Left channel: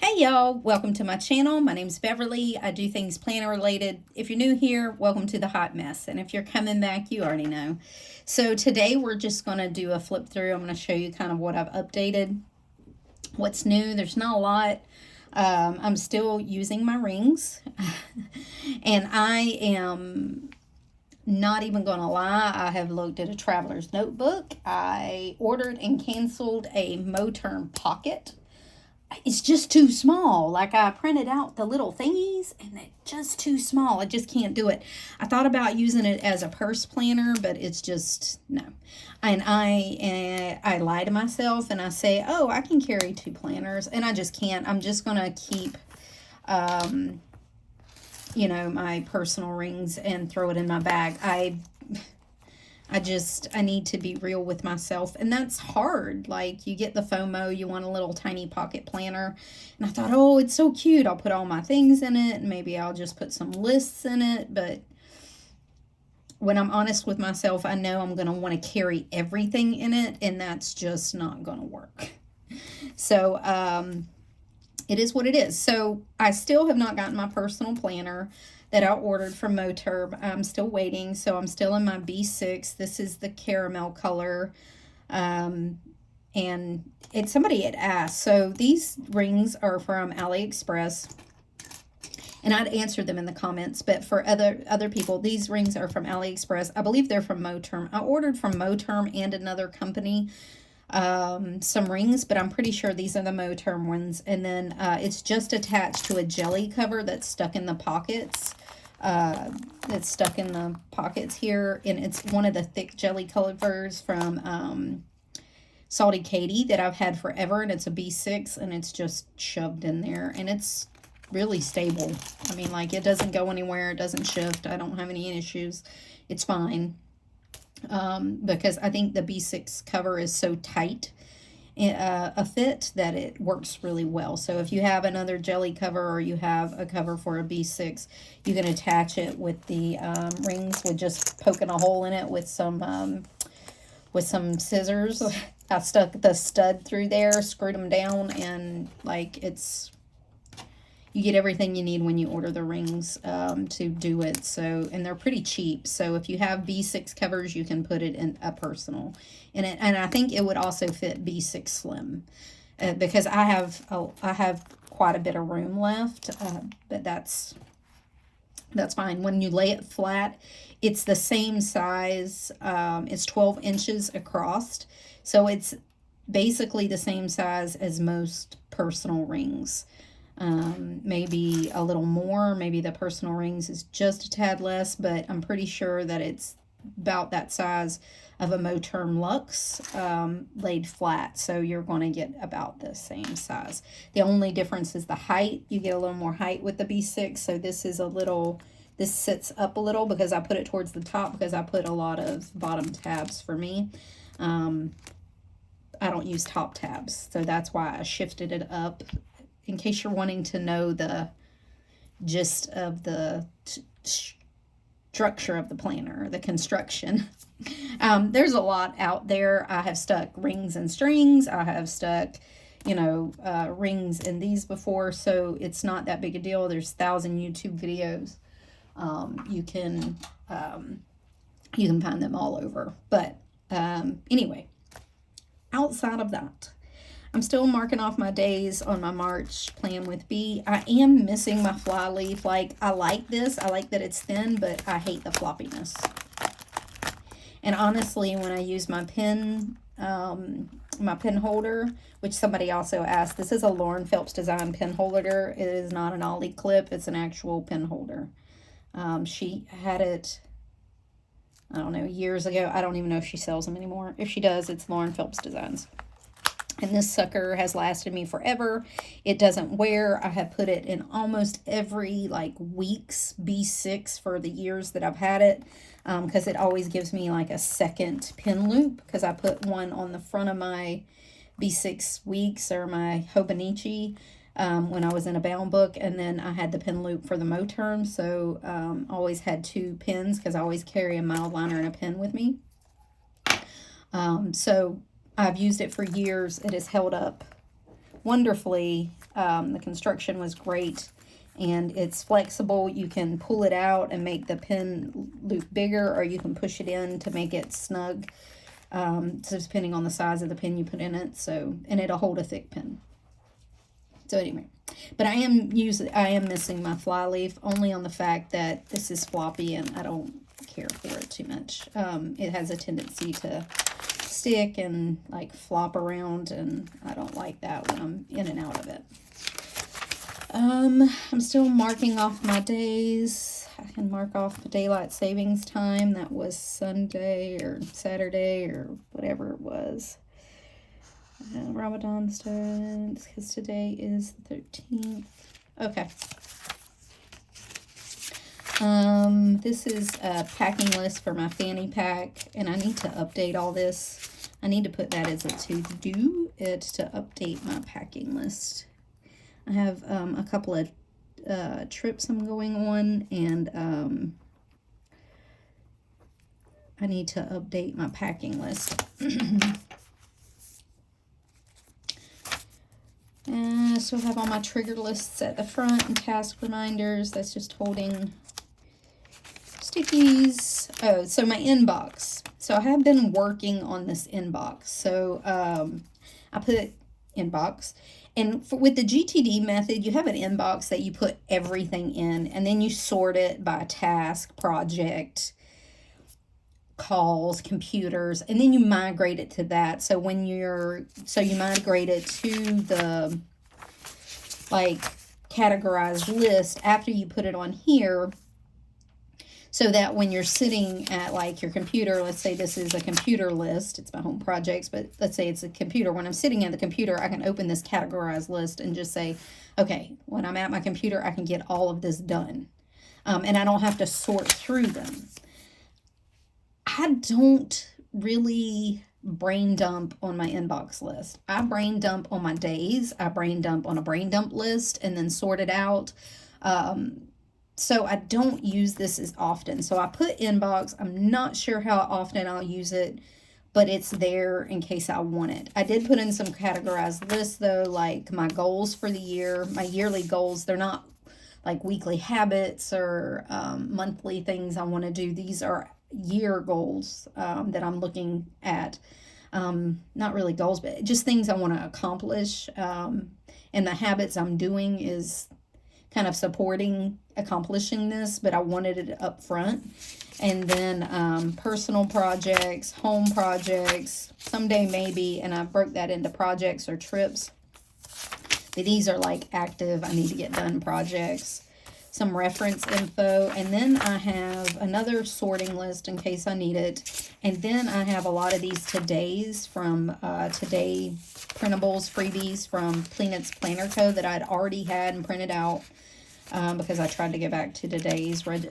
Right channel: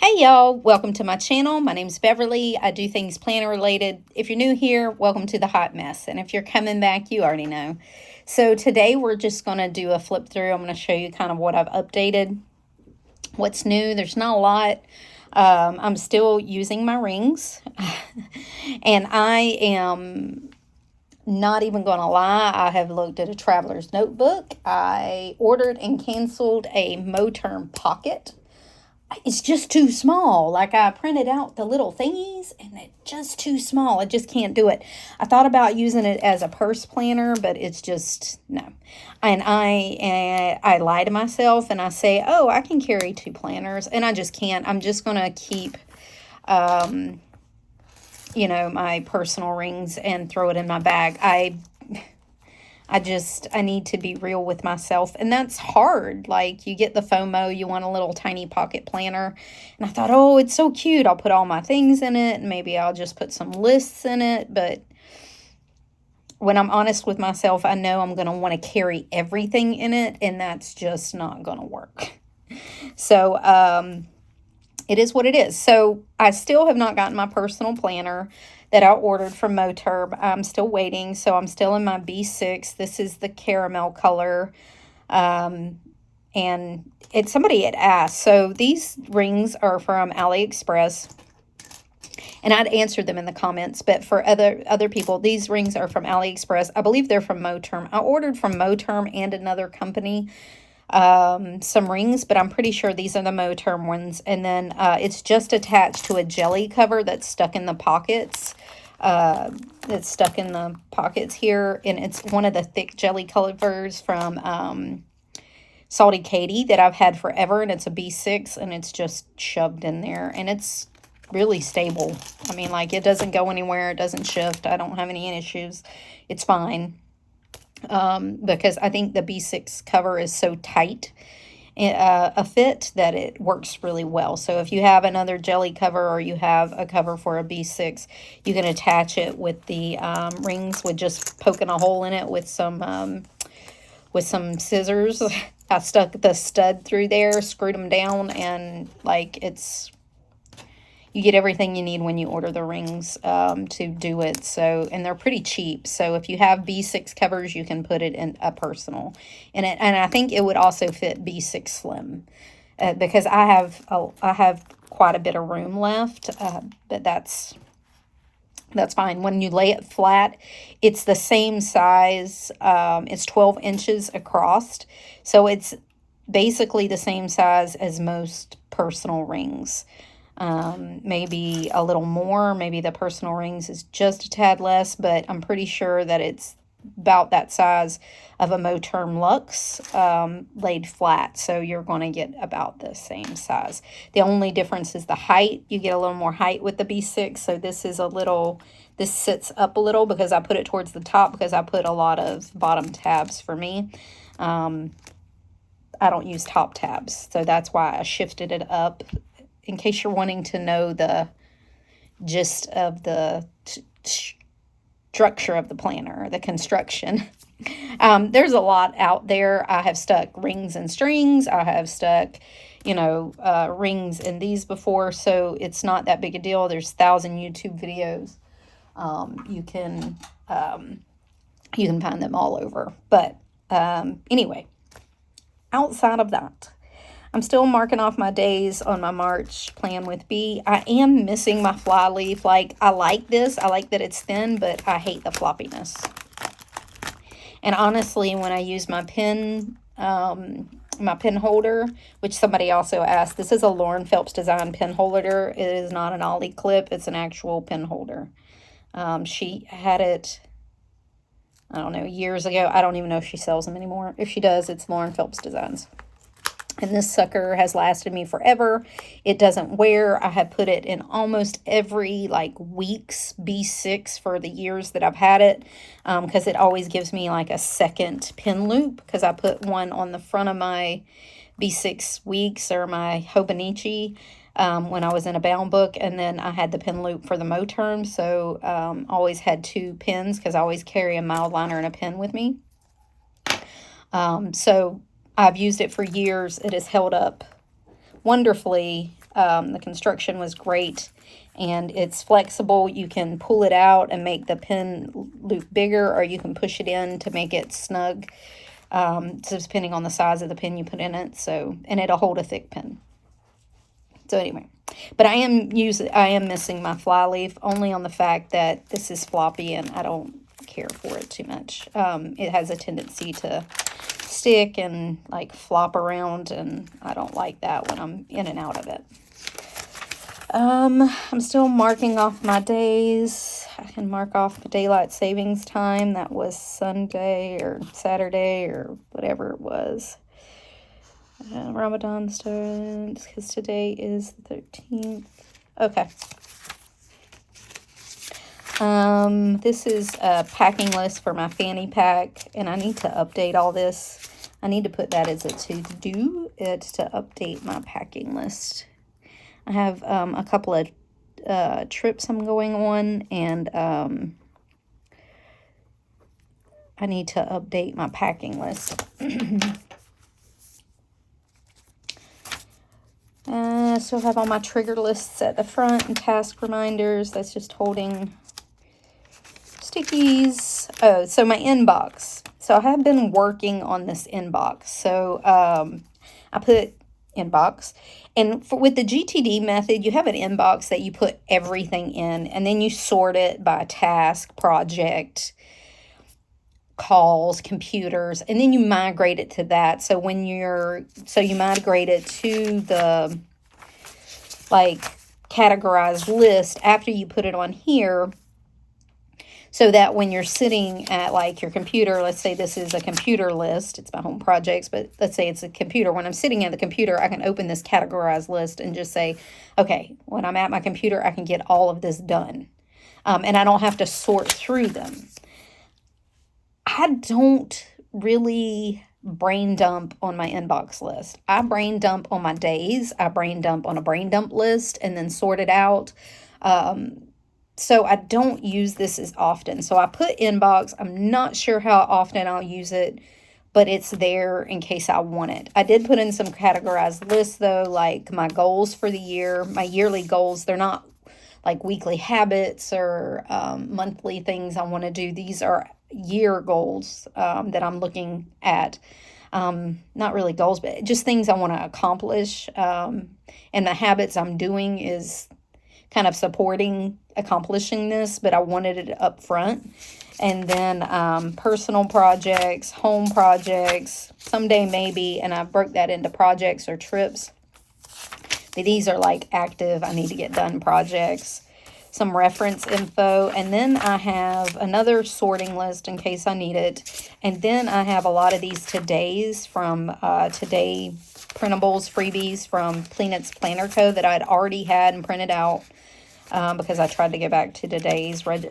Hey y'all, welcome to my channel. My name's Beverly. I do things planner related. If you're new here, welcome to the hot mess. And if you're coming back, you already know. So today we're just going to do a flip through. I'm going to show you kind of what I've updated, what's new. There's not a lot. I'm still using my rings and I am not even going to lie. I have looked at a traveler's notebook. I ordered and canceled a Moterm pocket. It's just too small. Like, I printed out the little thingies and it's just too small. I just can't do it. I thought about using it as a purse planner, but it's just no. And I lie to myself and I say, oh, I can carry 2 planners, and I just can't. I'm just gonna keep my personal rings and throw it in my bag. I need to be real with myself, and that's hard. Like, you get the FOMO, you want a little tiny pocket planner, and I thought, oh, it's so cute. I'll put all my things in it, and maybe I'll just put some lists in it. But when I'm honest with myself, I know I'm going to want to carry everything in it, and that's just not going to work. So, it is what it is. So I still have not gotten my personal planner that I ordered from Moterm. I'm still waiting, so I'm still in my B6. This is the caramel color, and somebody had asked. So these rings are from AliExpress, and I'd answered them in the comments. But for other people, these rings are from AliExpress. I believe they're from Moterm. I ordered from Moterm and another company some rings, but I'm pretty sure these are the Moterm ones. And then it's just attached to a jelly cover that's stuck in the pockets. It's stuck in the pockets here, and it's one of the thick jelly covers from Salty Katie that I've had forever, and it's a B6, and it's just shoved in there, and it's really stable. I mean, like, it doesn't go anywhere, it doesn't shift. I don't have any issues. It's fine. Because I think the B6 cover is so tight a fit that it works really well. So if you have another jelly cover, or you have a cover for a B6, you can attach it with the rings with just poking a hole in it with some scissors. I stuck the stud through there, screwed them down, and like, you get everything you need when you order the rings to do it. So, and they're pretty cheap. So if you have B6 covers, you can put it in a personal. And I think it would also fit B6 Slim, because I have quite a bit of room left. But that's fine. When you lay it flat, it's the same size. It's 12 inches across. So it's basically the same size as most personal rings. Maybe a little more. Maybe the personal rings is just a tad less, but I'm pretty sure that it's about that size of a Moterm Luxe laid flat. So you're going to get about the same size. The only difference is the height. You get a little more height with the B6. So this sits up a little because I put it towards the top, because I put a lot of bottom tabs for me. I don't use top tabs, so that's why I shifted it up. In case you're wanting to know the gist of the structure of the planner, the construction. There's a lot out there. I have stuck rings and strings. I have stuck, rings in these before, so it's not that big a deal. There's 1,000 YouTube videos. You can find them all over. But anyway, outside of that, I'm still marking off my days on my March plan with B. I am missing my Flyleaf. Like, I like this. I like that it's thin, but I hate the floppiness. And honestly, when I use my pen holder, which somebody also asked, this is a Lauren Phelps design pen holder. It is not an Ollie clip. It's an actual pen holder. She had it, I don't know, years ago. I don't even know if she sells them anymore. If she does, it's Lauren Phelps Designs. And this sucker has lasted me forever. It doesn't wear. I have put it in almost every, week's B6 for the years that I've had it, because it always gives me, a second pin loop, because I put one on the front of my B6 weeks, or my Hobonichi, when I was in a bound book, and then I had the pin loop for the Moterm, so always had 2 pins, because I always carry a Mildliner and a pen with me. So I've used it for years. It has held up wonderfully The construction was great, and it's flexible. You can pull it out and make the pen loop bigger, or you can push it in to make it snug. So depending on the size of the pen you put in it. So, and it'll hold a thick pen. So anyway, but I am missing my Flyleaf only on the fact that this is floppy and I don't care for it too much. It has a tendency to stick and like flop around, and I don't like that when I'm in and out of it. I'm still marking off my days. I can mark off the daylight savings time. That was Sunday or Saturday or whatever it was. Ramadan starts because today is the 13th. Okay. This is a packing list for my fanny pack, and I need to update all this. I need to put that as a to-do, to update my packing list. I have a couple of trips I'm going on, and I need to update my packing list. I still have all my trigger lists at the front and task reminders. That's just holding stickies. Oh, so my inbox. So I have been working on this inbox. So I put inbox. And with the GTD method, you have an inbox that you put everything in, and then you sort it by task, project, calls, computers, and then you migrate it to that. So when you migrate it to the like categorized list after you put it on here, so that when you're sitting at like your computer, let's say this is a computer list, it's my home projects, but let's say it's a computer. When I'm sitting at the computer, I can open this categorized list and just say, okay, when I'm at my computer, I can get all of this done. And I don't have to sort through them. I don't really brain dump on my inbox list. I brain dump on my days. I brain dump on a brain dump list and then sort it out. So I don't use this as often. So I put inbox. I'm not sure how often I'll use it, but it's there in case I want it. I did put in some categorized lists though, like my goals for the year, my yearly goals. They're not like weekly habits or monthly things I want to do. These are year goals that I'm looking at. Not really goals, but just things I want to accomplish. And the habits I'm doing is kind of supporting accomplishing this, but I wanted it up front. And then personal projects, home projects, someday maybe, and I broke that into projects or trips. But these are like active, I need to get done projects, some reference info, and then I have another sorting list in case I need it. And then I have a lot of these todays from Today printables, freebies from Peanuts Planner Co. that I'd already had and printed out because I tried to get back to today's like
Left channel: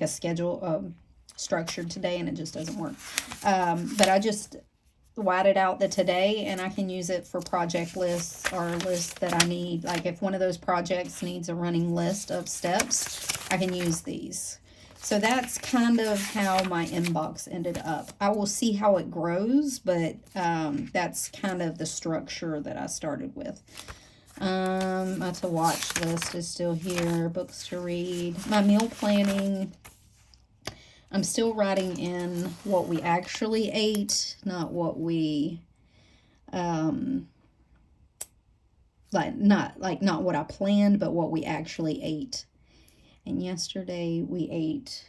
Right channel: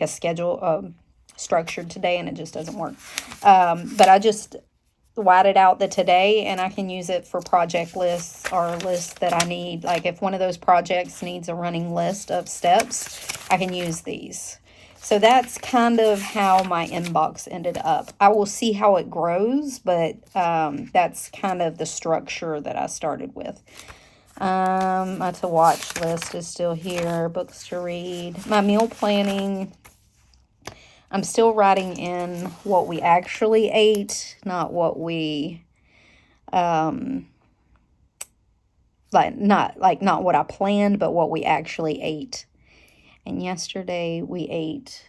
a schedule structured today, and it just doesn't work. But I just whited out the today, and I can use it for project lists or lists that I need. Like if one of those projects needs a running list of steps, I can use these. So that's kind of how my inbox ended up. I will see how it grows, but that's kind of the structure that I started with. My to watch list is still here. Books to read. My meal planning. I'm still writing in what we actually ate, not what we, not what I planned, but what we actually ate. And yesterday we ate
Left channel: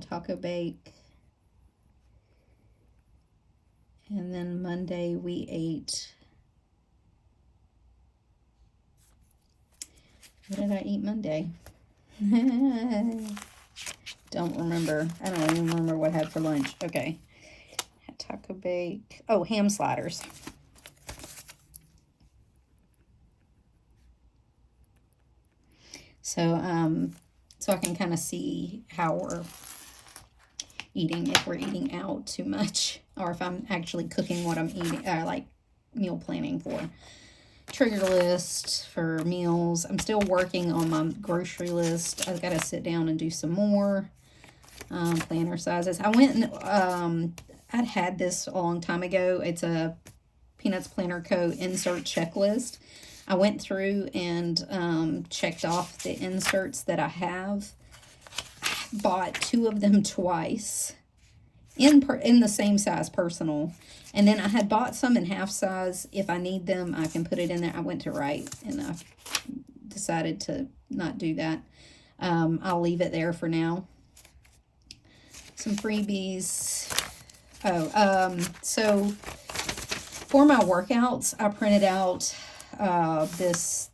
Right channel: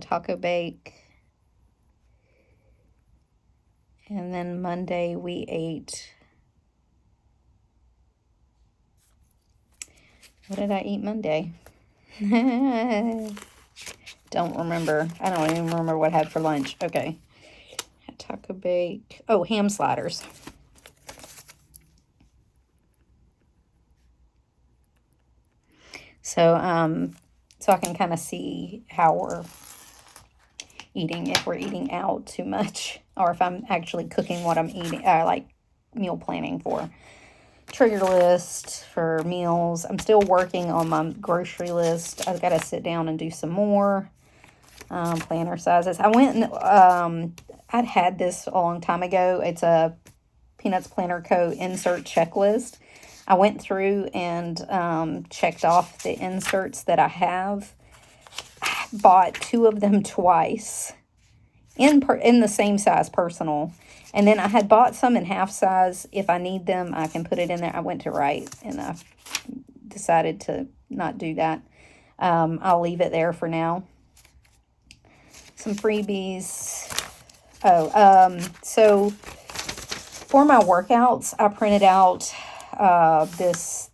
taco bake. And then Monday we ate, what did I eat Monday? Don't remember. I don't even remember what I had for lunch. Okay. Taco bake. Oh, ham sliders. So, so I can kind of see how we're eating, if we're eating out too much, or if I'm actually cooking what I'm eating, like meal planning for. Trigger list for meals. I'm still working on my grocery list. I've got to sit down and do some more. Planner sizes. I went and I'd had this a long time ago. It's a Peanuts Planner Co. insert checklist. I went through and checked off the inserts that I have. I bought 2 of them twice in the same size personal. And then I had bought some in half size. If I need them, I can put it in there. I went to write, and I decided to not do that. I'll leave it there for now. Some freebies. So for my workouts, I printed out this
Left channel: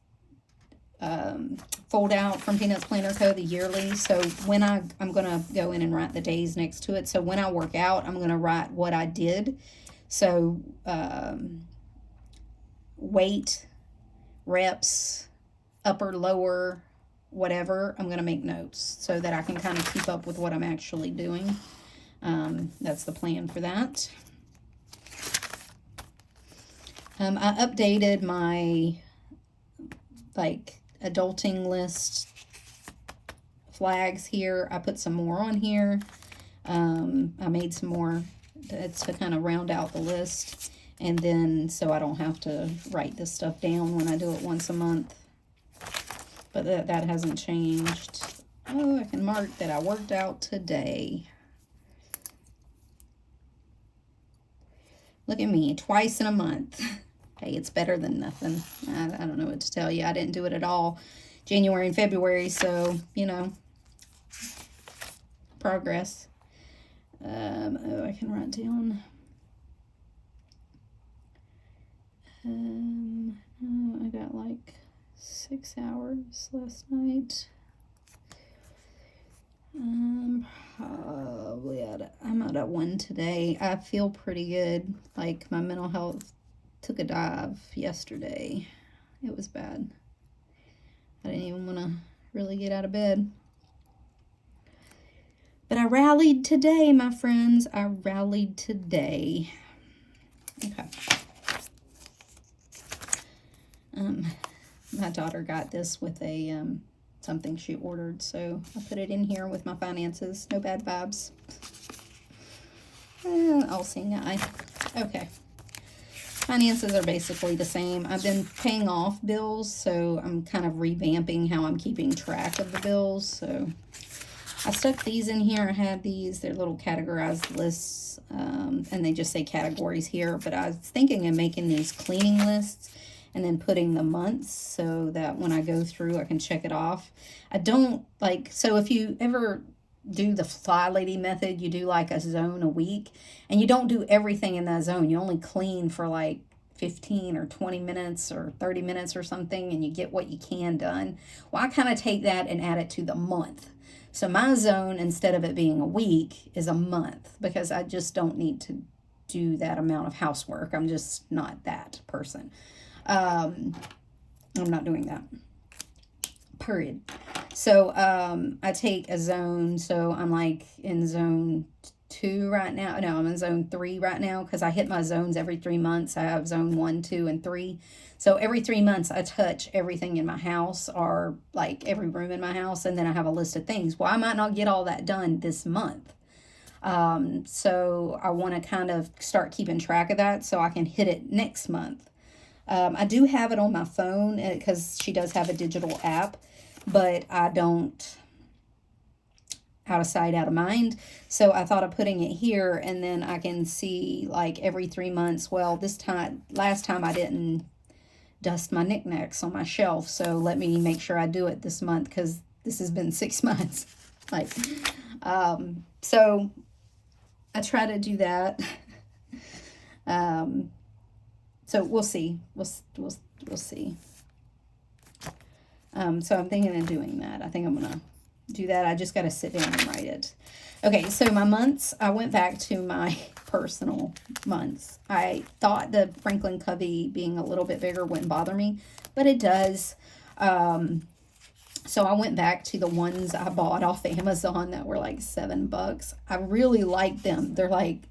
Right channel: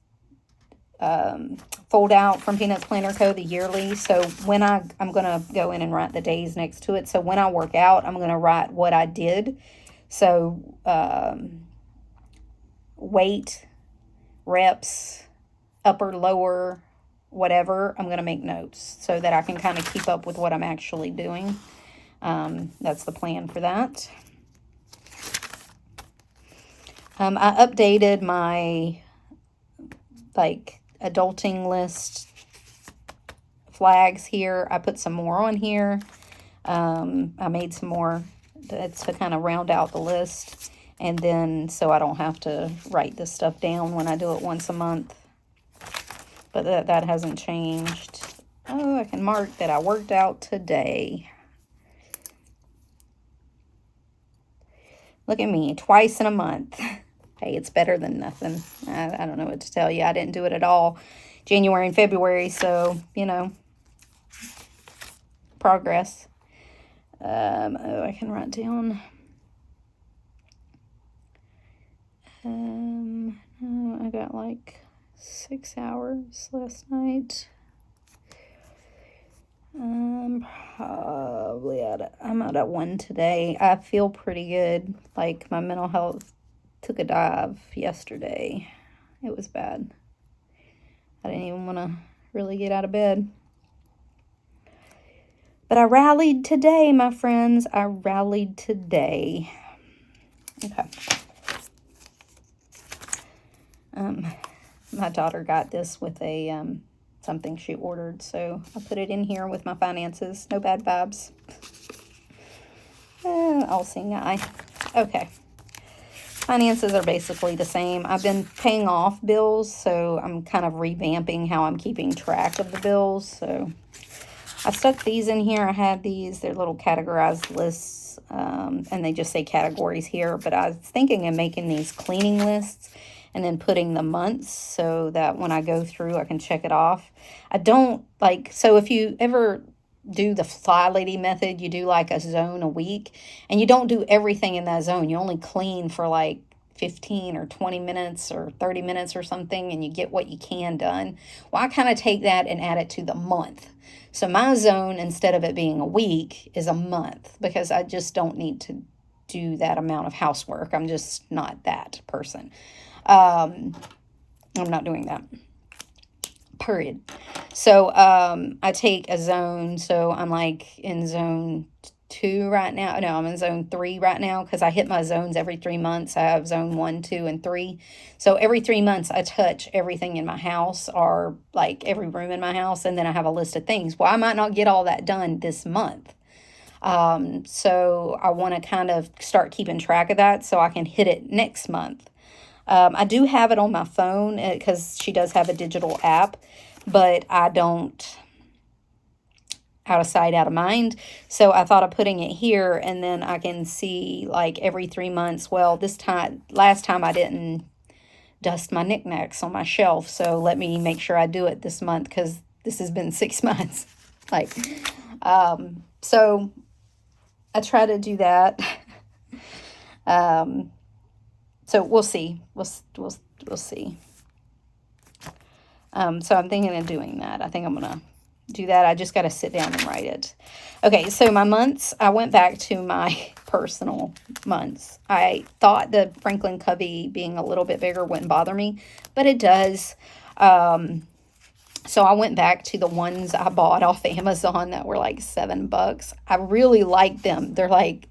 fold out from Peanuts Planner Co., the yearly. So when I'm going to go in and write the days next to it. So when I work out, I'm going to write what I did. So weight, reps, upper, lower, whatever, I'm going to make notes so that I can kind of keep up with what I'm actually doing. That's the plan for that. I updated my adulting list flags here. I put some more on here. I made some more to kind of round out the list, and then so I don't have to write this stuff down when I do it once a month. But that hasn't changed. Oh, I can mark that I worked out today. Look at me, twice in a month. Hey, it's better than nothing. I don't know what to tell you. I didn't do it at all January and February, so, you know, progress. Oh, I can write down. I got like 6 hours last night. Probably I'm at 1 today. I feel pretty good. Like, my mental health took a dive yesterday. It was bad. I didn't even want to really get out of bed. But I rallied today, my friends. I rallied today. Okay. My daughter got this with a something she ordered, so I put it in here with my finances. No bad vibes. I'll see guy. Okay. Finances are basically the same. I've been paying off bills, so I'm kind of revamping how I'm keeping track of the bills. So I stuck these in here. I had these. They're little categorized lists, and they just say categories here. But I was thinking of making these cleaning lists and then putting the months so that when I go through, I can check it off. I don't like, so if you ever do the Fly Lady method, you do like a zone a week, and you don't do everything in that zone. You only clean for like 15 or 20 minutes or 30 minutes or something, and you get what you can done. Well, I kind of take that and add it to the month. So my zone, instead of it being a week, is a month, because I just don't need to do that amount of housework. I'm just not that person. I'm not doing that. Period. So I take a zone. So I'm like in zone 2 right now. No, I'm in zone 3 right now, because I hit my zones every 3 months. I have zone 1, 2, and 3. So every 3 months I touch everything in my house, or like every room in my house, and then I have a list of things. Well, I might not get all that done this month. So I want to kind of start keeping track of that so I can hit it next month. I do have it on my phone because she does have a digital app, but I don't, out of sight, out of mind. So I thought of putting it here, and then I can see like every 3 months. Well, last time I didn't dust my knickknacks on my shelf. So let me make sure I do it this month, because this has been 6 months. So I try to do that. So we'll see. We'll see. So I'm thinking of doing that. I think I'm going to do that. I just got to sit down and write it. Okay, so my months, I went back to my personal months. I thought the Franklin Covey being a little bit bigger wouldn't bother me, but it does. So I went back to the ones I bought off Amazon that were like $7. I really like them. They're like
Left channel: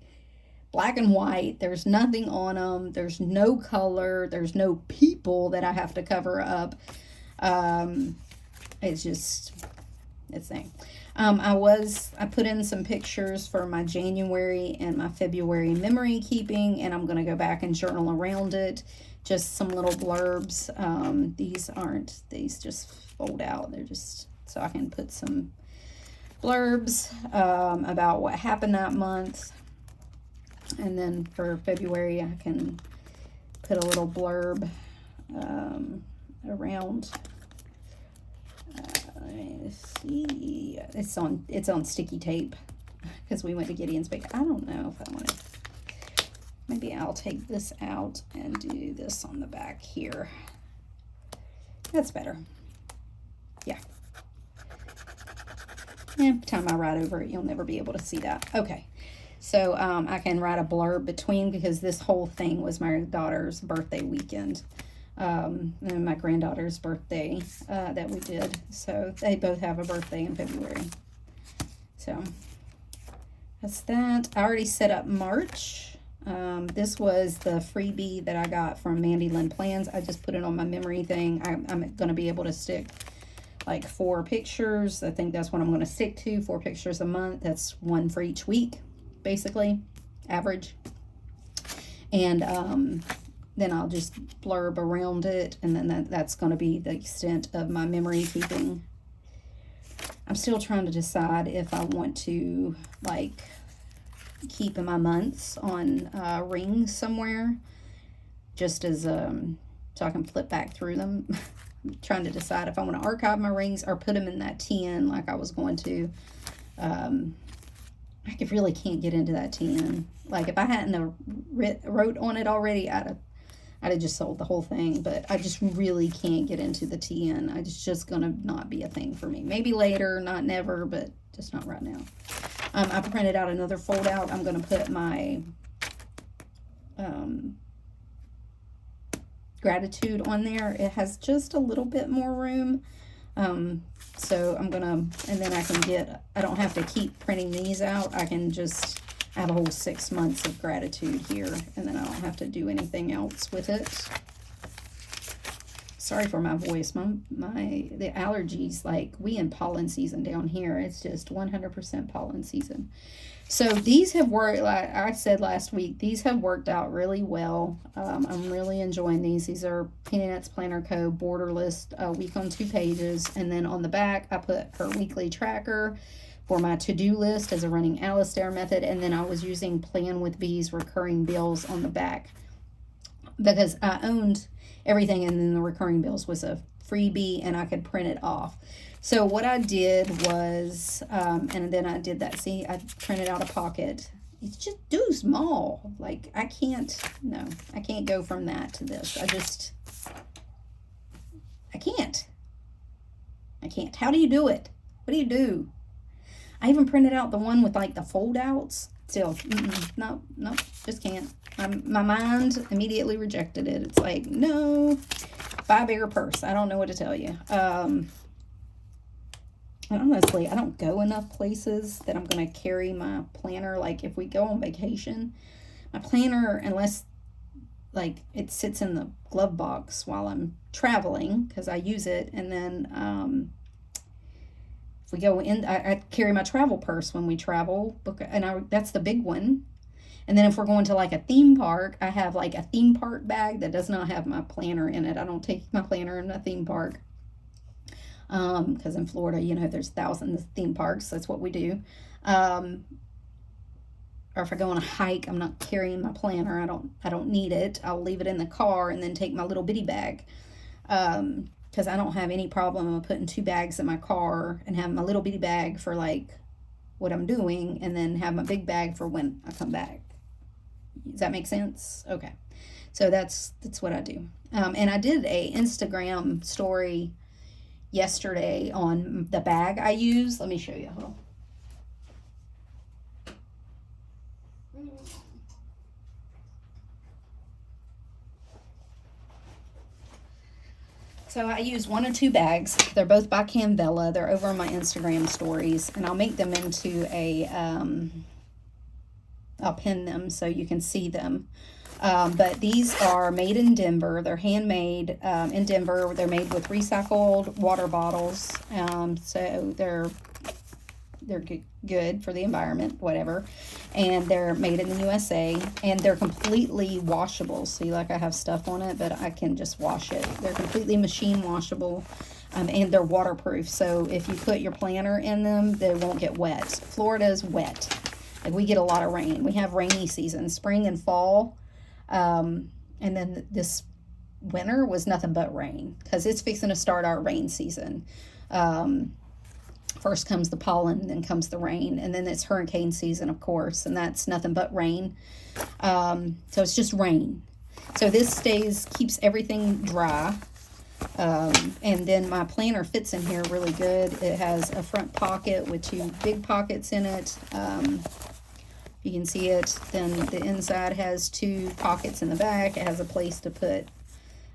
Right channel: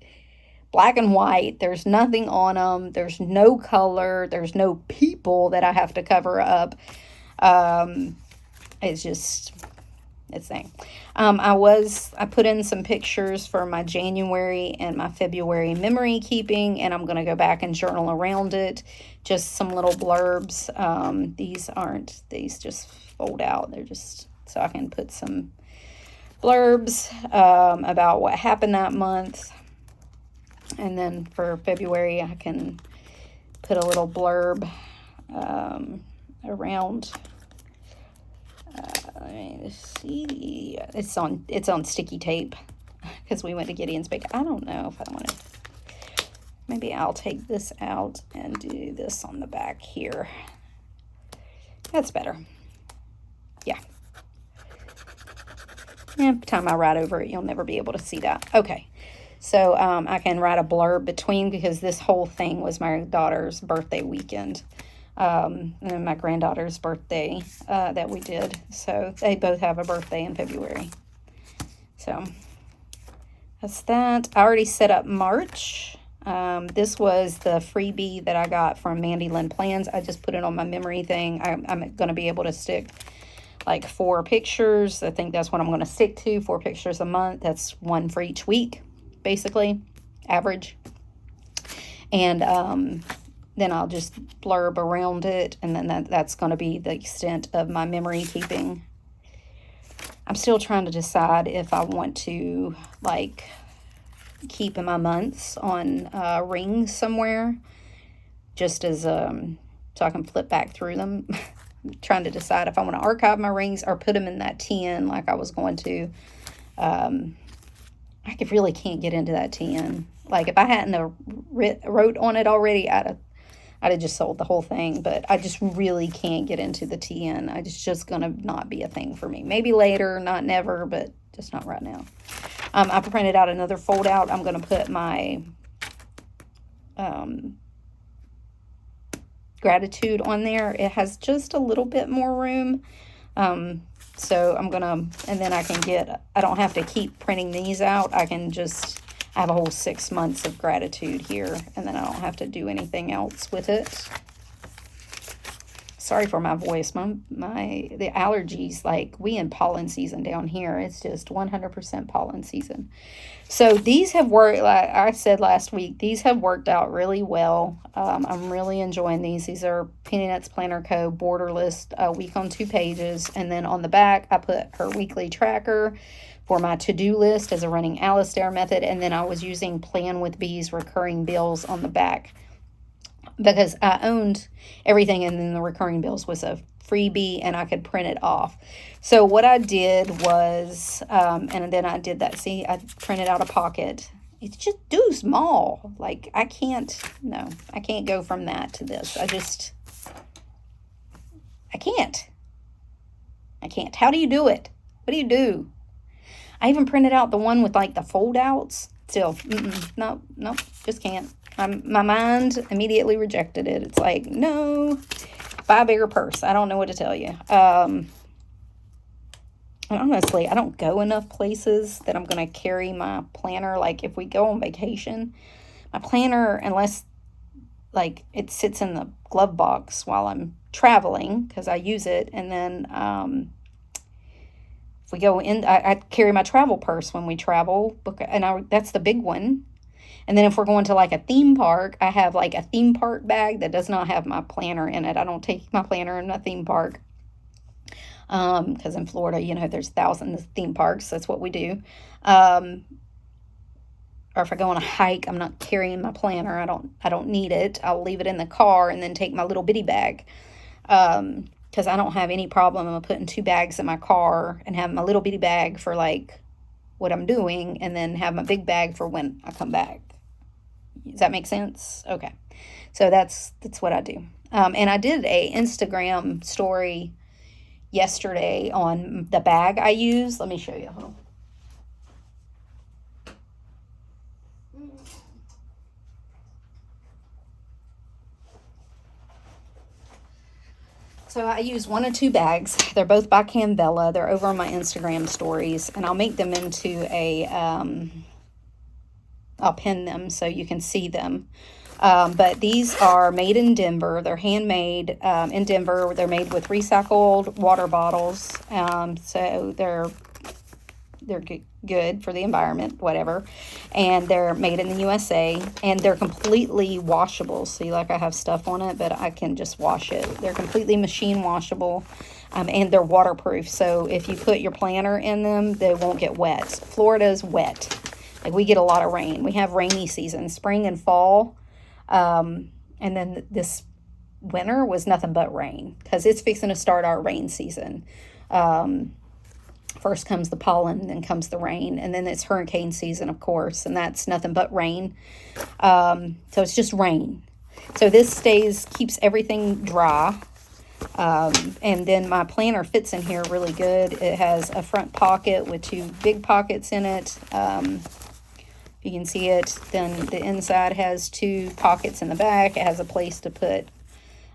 black and white. There's nothing on them. There's no color. There's no people that I have to cover up. It's thing. I put in some pictures for my January and my February memory keeping, and I'm going to go back and journal around it just some little blurbs. These just fold out. They're just, so I can put some blurbs about what happened that month. And then for February, I can put a little blurb around. Let's see. It's on sticky tape because we went to Gideon's Bake. I don't know if I want to. Maybe I'll take this out and do this on the back here. That's better. Yeah. And by the time I write over it, you'll never be able to see that. Okay. So I can write a blurb between, because this whole thing was my daughter's birthday weekend. And my granddaughter's birthday that we did. So they both have a birthday in February. So that's that. I already set up March. This was the freebie that I got from MandyLynnPlans. I just put it on my memory thing. I'm going to be able to stick like 4 pictures. I think that's what I'm going to stick to, 4 pictures a month. That's 1 for each week, basically, average. And then I'll just blurb around it, and then that's going to be the extent of my memory keeping. I'm still trying to decide if I want to, like, keep my months on rings somewhere, just as so I can flip back through them. I'm trying to decide if I want to archive my rings or put them in that tin like I was going to. I really can't get into that tin. Like, if I hadn't wrote on it already, I'd have just sold the whole thing. But I just really can't get into the tin. It's just going to not be a thing for me. Maybe later, not never, but just not right now. I've printed out another fold out. I'm going to put my gratitude on there. It has just a little bit more room. So I'm going to, and then I don't have to keep printing these out. I have a whole 6 months of gratitude here, and then I don't have to do anything else with it. Sorry for my voice. The allergies, like, we in pollen season down here. It's just 100% pollen season. So these have worked, like I said last week, these have worked out really well. I'm really enjoying these. These are Penny Nuts Planner Co. borderless, a week on 2 pages. And then on the back, I put her weekly tracker for my to-do list as a running Alistair method. And then I was using Plan with Bees recurring bills on the back, because I owned everything, and then the recurring bills was a freebie and I could print it off. So what I did was, and then I did that. See, I printed out a pocket. It's just too small. Like, I can't go from that to this. I can't. How do you do it? What do you do? I even printed out the one with, like, the fold outs. Still, no, just can't. My mind immediately rejected it. It's like, no, buy a bigger purse. I don't know what to tell you. Honestly, I don't go enough places that I'm going to carry my planner. Like, if we go on vacation, my planner, unless, like, it sits in the glove box while I'm traveling, because I use it. And then if we go in, I carry my travel purse when we travel, and that's the big one. And then if we're going to, like, a theme park, I have, like, a theme park bag that does not have my planner in it. I don't take my planner in a theme park. Because in Florida, there's thousands of theme parks. That's what we do. Or if I go on a hike, I'm not carrying my planner. I don't need it. I'll leave it in the car and then take my little bitty bag. Because I don't have any problem of putting 2 bags in my car and having my little bitty bag for, like, what I'm doing, and then have my big bag for when I come back. Does that make sense? Okay. So that's what I do. And I did a Instagram story yesterday on the bag I use. Let me show you. Hold on. So I use 1 or 2 bags. They're both by Canvella. They're over on my Instagram stories, and I'll make them into a, I'll pin them so you can see them. But these are made in Denver. They're handmade in Denver. They're made with recycled water bottles. So they're they're good for the environment, whatever. And they're made in the USA, and they're completely washable. See, like I have stuff on it, but I can just wash it. They're completely machine washable, and they're waterproof. So if you put your planner in them, they won't get wet. Florida's wet. Like, we get a lot of rain. We have rainy seasons, spring and fall. And then this winter was nothing but rain, because it's fixing to start our rain season. First comes the pollen, then comes the rain, and then it's hurricane season, of course, and that's nothing but rain. So it's just rain. So this keeps everything dry. And then my planner fits in here really good. It has a front pocket with 2 big pockets in it. You can see it. Then the inside has 2 pockets in the back. It has a place to put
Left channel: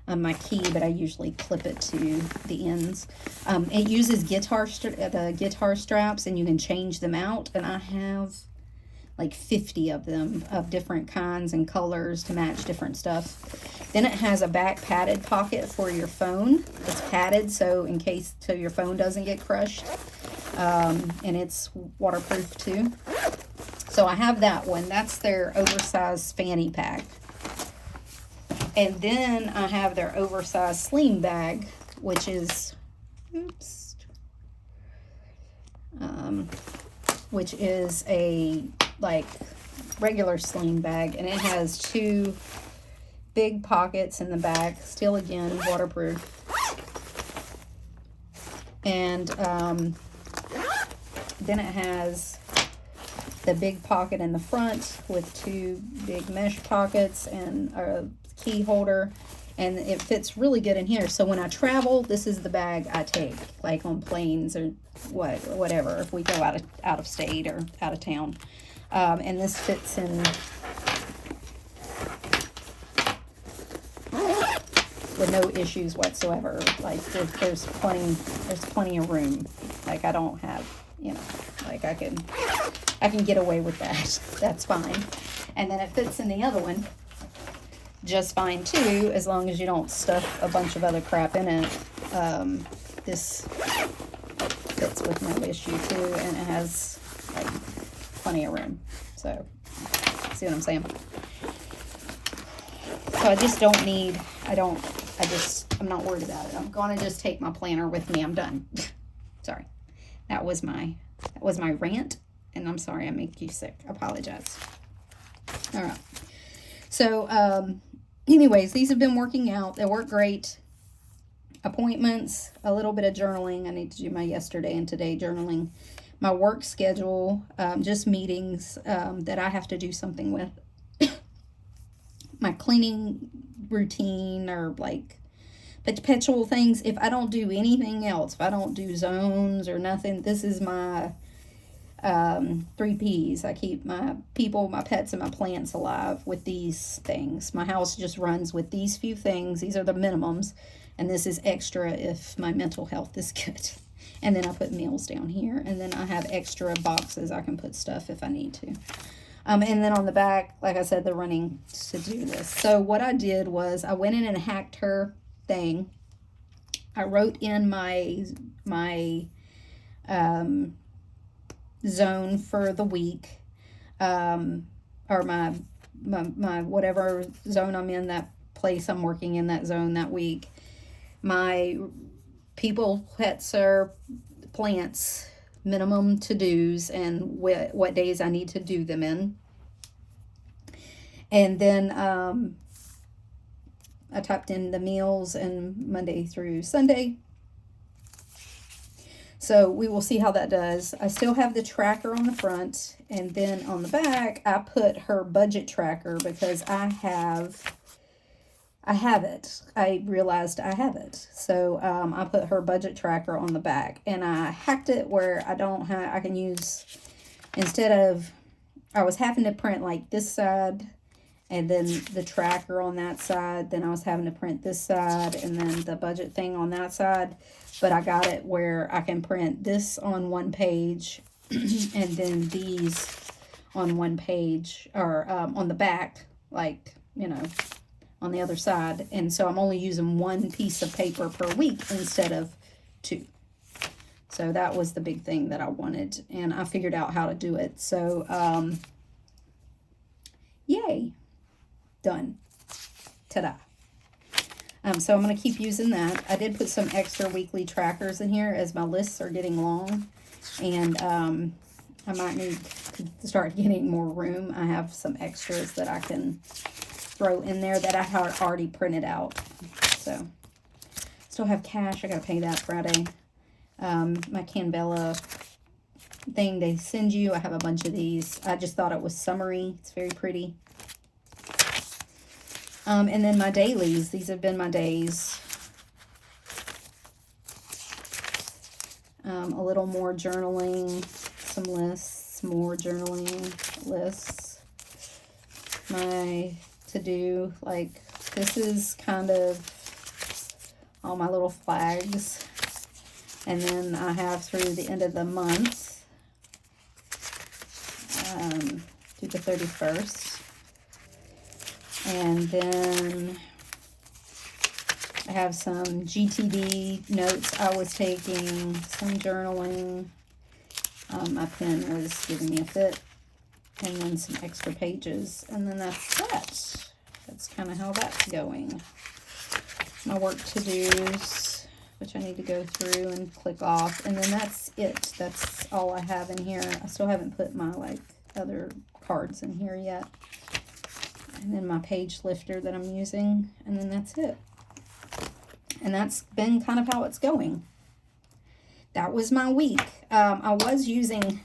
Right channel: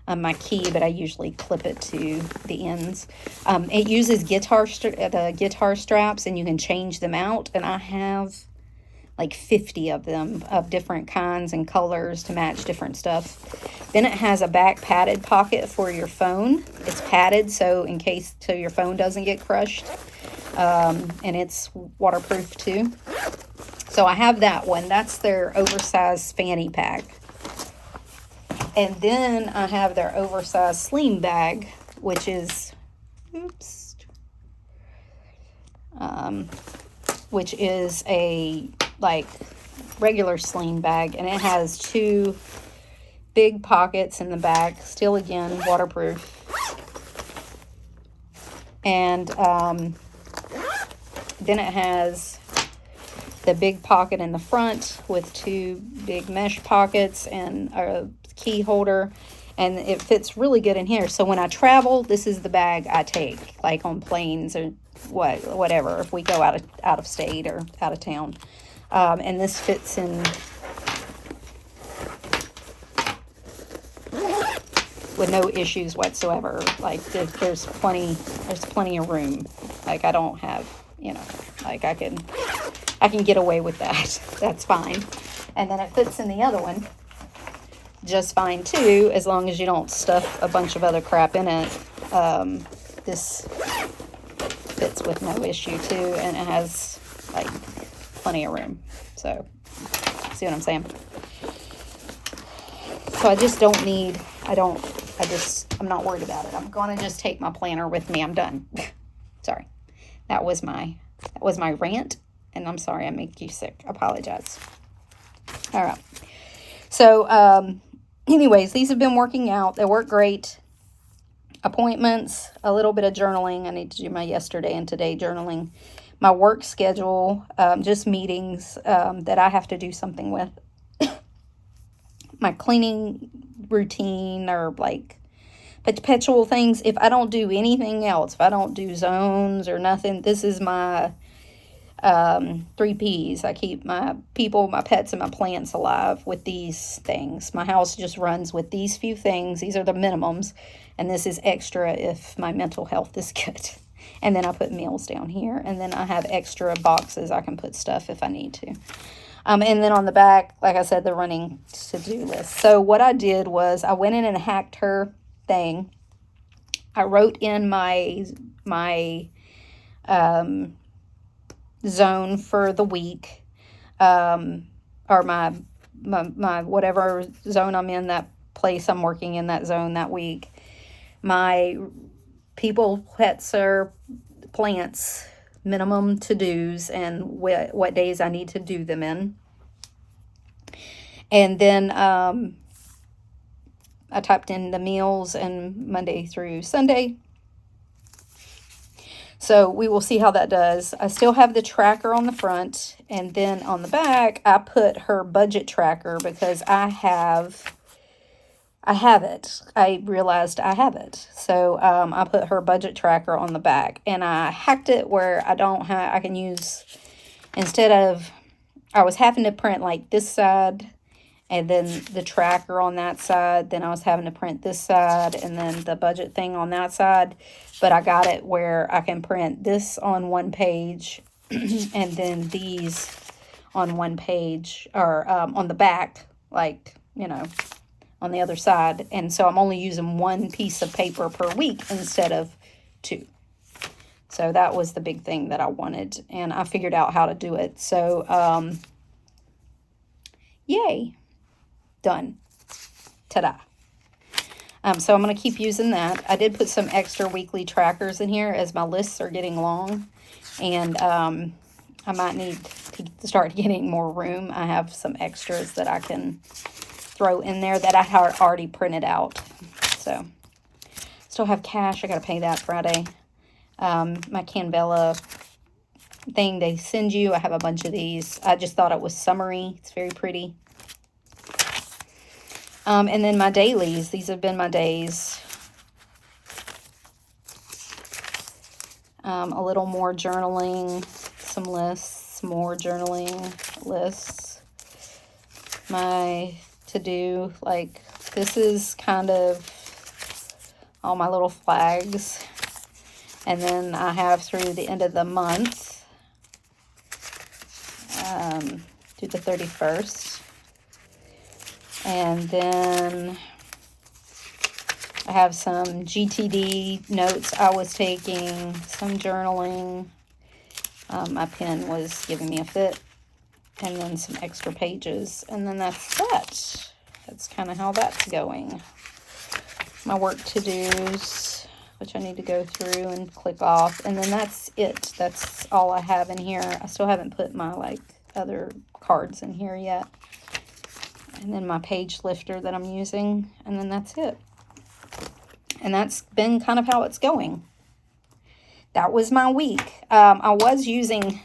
my key, but I usually clip it to the ends. It uses the guitar straps, and you can change them out. And I have like 50 of them of different kinds and colors to match different stuff. Then it has a back padded pocket for your phone. It's padded, so in case your phone doesn't get crushed. And it's waterproof too. So I have that one. That's their oversized fanny pack. And then I have their oversized sling bag, which is, a like regular sling bag, and it has 2 big pockets in the back, still again waterproof. And then it has the big pocket in the front with 2 big mesh pockets and a key holder, and it fits really good in here. So when I travel, this is the bag I take, like on planes or whatever, if we go out of state or out of town. And this fits in with no issues whatsoever. Like, there's plenty of room. Like, I don't have, like, I can get away with that. That's fine. And then it fits in the other one just fine too, as long as you don't stuff a bunch of other crap in it. This fits with no issue too, and it has like plenty of room. So, see what I'm saying? So I just don't need, I'm not worried about it. I'm going to just take my planner with me. I'm done. Sorry. That was my rant, and I'm sorry I make you sick. I apologize. All right. So, anyways, these have been working out. They work great. Appointments, a little bit of journaling. I need to do my yesterday and today journaling. My work schedule, just meetings that I have to do something with. My cleaning routine, or like perpetual things. If I don't do anything else, if I don't do zones or nothing, this is my 3 P's. I keep my people, my pets, and my plants alive with these things. My house just runs with these few things. These are the minimums, and this is extra if my mental health is good. And then I put meals down here, and then I have extra boxes I can put stuff if I need to. And then on the back, like I said, the running to-do list. So what I did was I went in and hacked her thing. I wrote in my zone for the week, or my whatever zone I'm in, that place I'm working in, that zone that week. My people, pets, or plants minimum to-dos, and what days I need to do them in. And then I typed in the meals and Monday through Sunday. So we will see how that does. I still have the tracker on the front, and then on the back I put her budget tracker because I have it. I realized I have it. So I put her budget tracker on the back, and I hacked it where I can use, instead of, I was having to print like this side and then the tracker on that side, then I was having to print this side and then the budget thing on that side. But I got it where I can print this on one page and then these on one page, or on the back, like, on the other side. And so I'm only using one piece of paper per week instead of 2. So that was the big thing that I wanted, and I figured out how to do it. So, yay, done. Ta-da. So I'm going to keep using that. I did put some extra weekly trackers in here as my lists are getting long, and I might need to start getting more room. I have some extras that I can throw in there that I had already printed out. So still have cash. I got to pay that Friday. My Canvella thing they send you, I have a bunch of these. I just thought it was summery. It's very pretty. And then my dailies. These have been my days. A little more journaling, some lists, more journaling lists. My to-do, like, this is kind of all my little flags. And then I have through the end of the month, through the 31st. And then I have some GTD notes I was taking, some journaling. My pen was giving me a fit. And then some extra pages. And then that's that. That's kind of how that's going. My work to-dos, which I need to go through and click off. And then that's it. That's all I have in here. I still haven't put my, like, other cards in here yet. And then my page lifter that I'm using. And then that's it. And that's been kind of how it's going. That was my week. I was using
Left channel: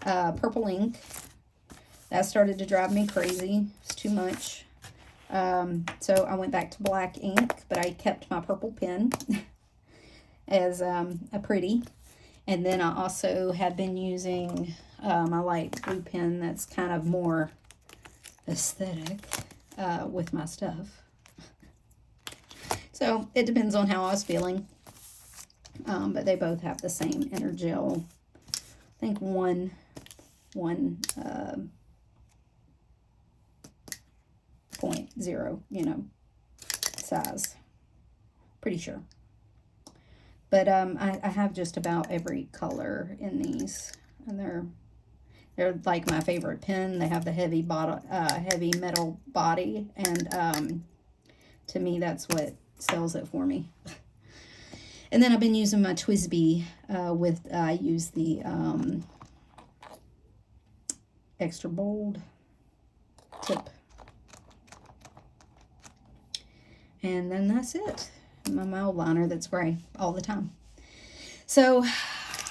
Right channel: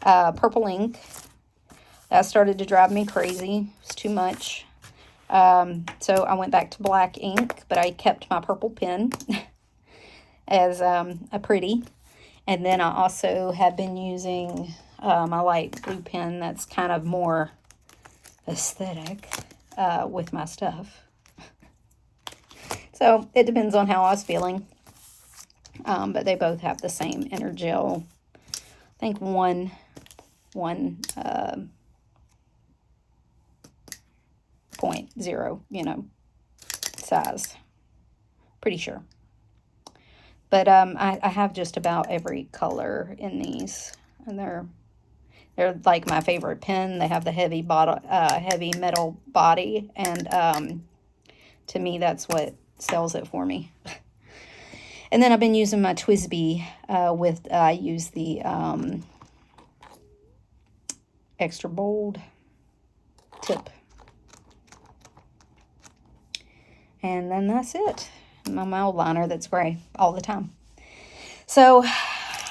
purple ink. That started to drive me crazy. It's too much. So I went back to black ink, but I kept my purple pen as a pretty. And then I also have been using my light blue pen that's kind of more aesthetic with my stuff. So it depends on how I was feeling. But they both have the same Energel. I think one 0.0, you know, size. Pretty sure. But I have just about every color in these, and they're like my favorite pen. They have the heavy metal body, and to me that's what sells it for me. And then I've been using my TWSBI I use the extra bold tip. And then that's it. My Mildliner that's gray all the time. So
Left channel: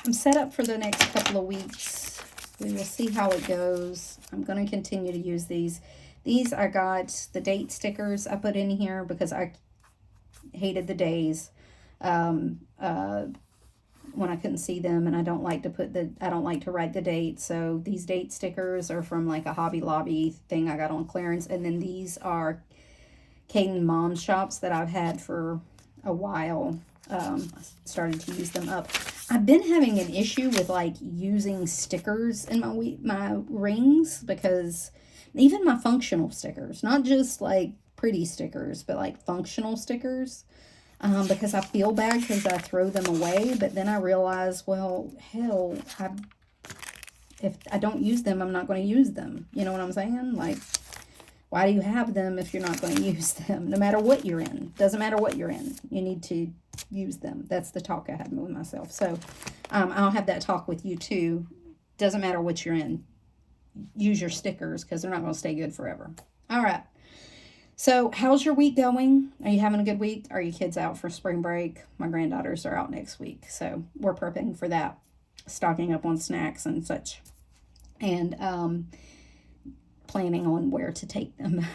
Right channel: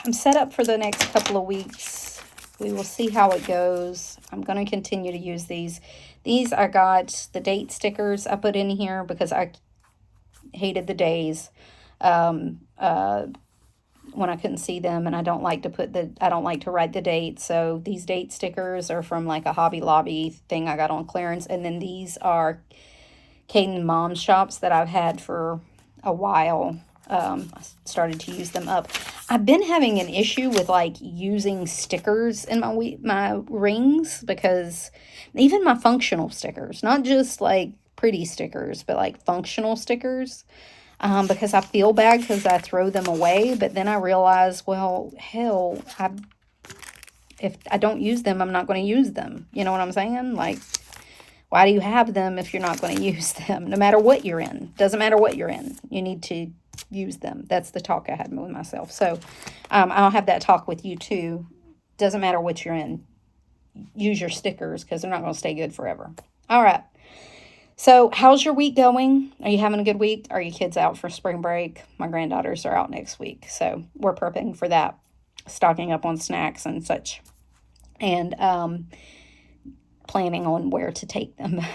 I'm set up for the next couple of weeks. We will see how it goes. I'm going to continue to use these. These I got the date stickers I put in here because I hated the days when I couldn't see them, and I don't like to write the date. So these date stickers are from like a Hobby Lobby thing I got on clearance, and then these are Caden Mom Shops that I've had for a while. I started to use them up. I've been having an issue with like using stickers in my rings, because even my functional stickers, not just like pretty stickers, but like functional stickers, because I feel bad because I throw them away. But then I realize, well, hell, if I don't use them, I'm not going to use them. You know what I'm saying? Like, why do you have them if you're not going to use them? No matter what you're in. Doesn't matter what you're in. You need to use them. That's the talk I had with myself. So I'll have that talk with you too. Doesn't matter what you're in. Use your stickers because they're not going to stay good forever. All right. So how's your week going? Are you having a good week? Are your kids out for spring break? My granddaughters are out next week. So we're prepping for that. Stocking up on snacks and such. And planning on where to take them.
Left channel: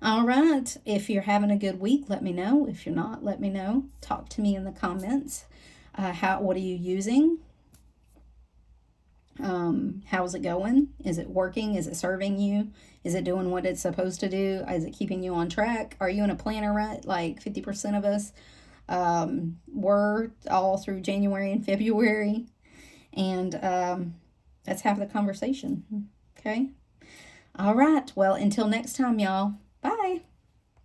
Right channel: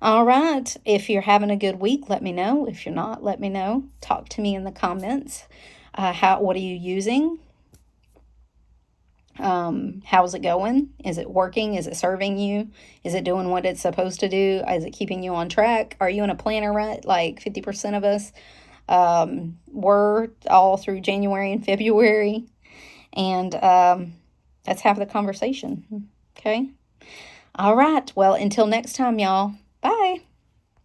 All right. If you're having a good week, let me know. If you're not, let me know. Talk to me in the comments. What are you using? How's it going? Is it working? Is it serving you? Is it doing what it's supposed to do? Is it keeping you on track? Are you in a planner rut? Like 50% of us were all through January and February. And let's have the conversation. Okay. All right. Well, until next time, y'all. Bye.